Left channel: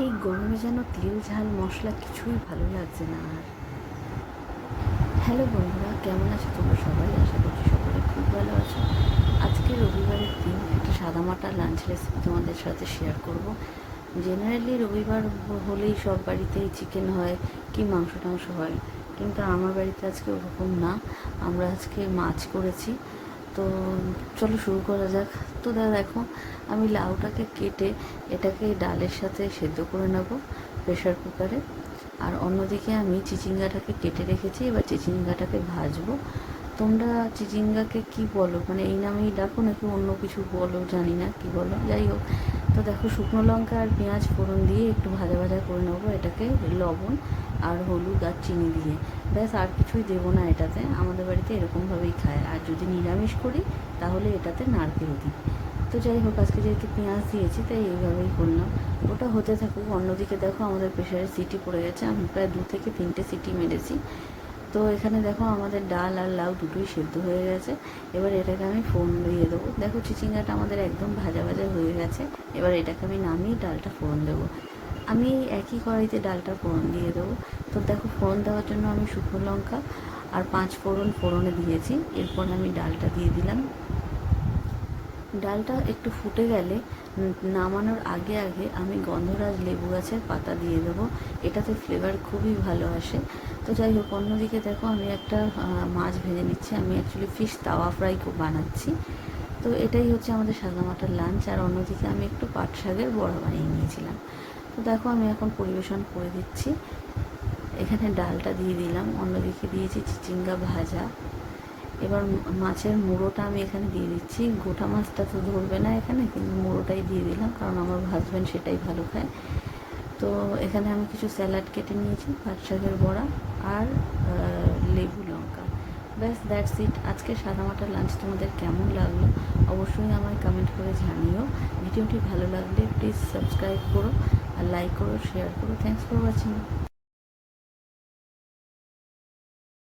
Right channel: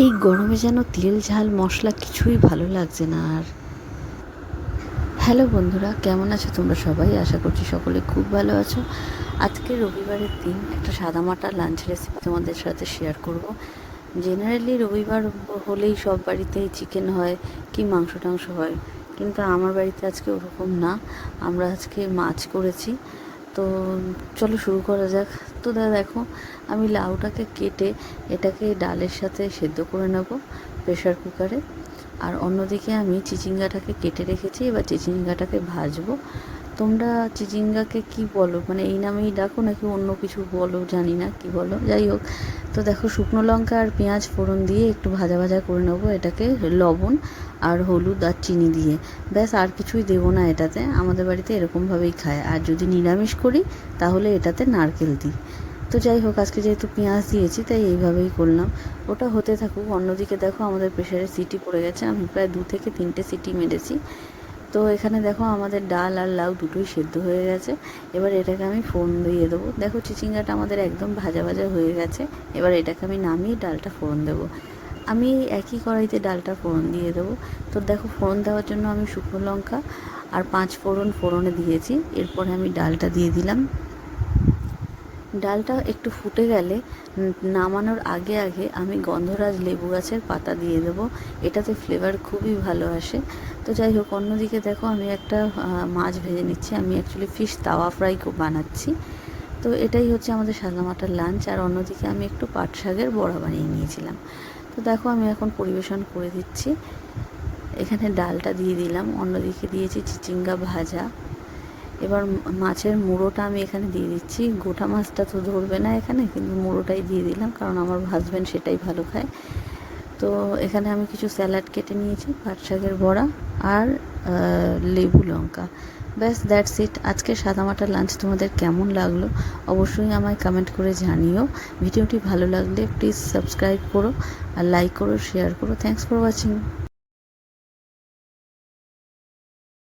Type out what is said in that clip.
এই গরমে যেন তেল, ঝাল, মশলা কিছুই ভালো লাগছে না আর। হ্যালো বন্ধুরা, কেমন আছো তোমরা সবাই? আশা করছি সকলে খুব ভালো আছো। আজকে রবিবারের দিন একটা সাদামাটা লাঞ্চ রেসিপি তোমাদের সাথে শেয়ার করব। জেনারেলি রবিবার হলেই সব বাড়িতেই চিকেন হয় কি মাংস টাংস হয়, কিন্তু আমার বাড়িতে আজকে ওরকম না। আমরা আজকে মাছ করেছি। তো চলো শুরু করা যাক। তো দেখো, আমি লাউটাকে কেটে এটাকে ডালের সাথে সেদ্ধ করে নেব প্রেশার কুকারে। আর অন্যদিকে আমি চিচিঙ্গাটাকে কেটে রেখেছি, এবার চিচিঙ্গাটাকে ভাজবো। তোমরা চিচিঙ্গাকে কি বলো? মানে এই নামেই ডাকো নাকি অন্য কিছু বলো? জানি না, কি বলো? যাই হোক তো দেখো শুকনো লঙ্কা আর পেঁয়াজ ফোড়ন দিয়ে একটু ভাজা ভাজা করে নেব এটাকে লবণ আর হলুদ আর চিনি দিয়ে। ব্যাস, আর কিছুই দেবো না এটাতে। আমাদের বাড়িতে এরকমভাবেই খায়। আর যদি নিরামিষ করি, তাহলে এটাতে নারকেল দিই। তো যাই হোক, আজকে যেহেতু পেঁয়াজ দিয়েছি, তাই এইভাবেই করলাম। ওটা হতে থাকুক। অন্যদিকে দেখো আমাদের প্রেশারে সিটি পড়ে গেছে। আমি প্রায় দু থেকে তিনটে সিটি মেরেছি। তো এখানে দেখো আমাদের ডাল আর লাউ দুটোই সেদ্ধ হয়ে গেছে। এবার এটাকে আমি ফোড়ন দিয়ে দেবো। দেখো চিচিঙ্গাটা আমাদের একদম ভাজা ভাজা হয়ে গেছে। এবার এটাকে আমি নামিয়ে ডালটা ফোড়ন দেবো। আমি একই কড়াইতে ডালটা ফোড়ন দিয়ে দেবো। তো দেখো ফোড়ন দেওয়ার জন্য আমি শুকনো লঙ্কা আর পাঁচ ফোড়ন ফোড়নে দিয়েছি। এরপরে আমি ডালটা দিয়ে দিলাম। ডালটা একটু ফুটে গেলে নামানোর আগে আগে আমি গন্ধরাজ লেবু গাছের পাতা দিয়ে দেবো। এটাতে ফ্লেভার খুবই ভালো আসে। তো যাই হোক, অন্যদিকে দেখো আমি একটা মাছ ভেজে নিচ্ছি। আমি অ্যাকচুয়ালি ফিশ তাওয়া ফ্রাই বানাচ্ছি। তো এটাই হচ্ছে আমাদের সাদামাটার লাঞ্চ আর অন্যদিকে আমি একটু পাট শাকের বড়া বানিয়ে নিয়েছিলাম। তো দেখো আমি এখন পরিবেশন করে দিচ্ছি। এখানে ডালটা দিয়ে দিলাম। অন্যদিকে দিয়েছি চিচিঙ্গা ভাজা। এবার মাছের মুড়োটা আমি এখানে দিয়ে দিচ্ছি। গোটা মাছটা তো ধরবে না এখানে, কিন্তু মুড়োটাই দিয়ে দিলাম, কারণ আমার হাজব্যান্ড সেটাই ভালো খায়। তো এখানে আমি কিছু স্যালাড কেটে নিয়েছি, পাট শাকের বড়া আর লেবু লঙ্কা। ব্যাস দ্যাটস ইট আজকে সাদামাটার লাঞ্চ তোমাদের কেমন লাগল অবশ্যই আমায় কমেন্ট করে জানিও। ভিডিওটি ভালো লাগলে প্লিজ সাবস্ক্রাইব করো আর লাইক করো শেয়ার করো। Thanks for watching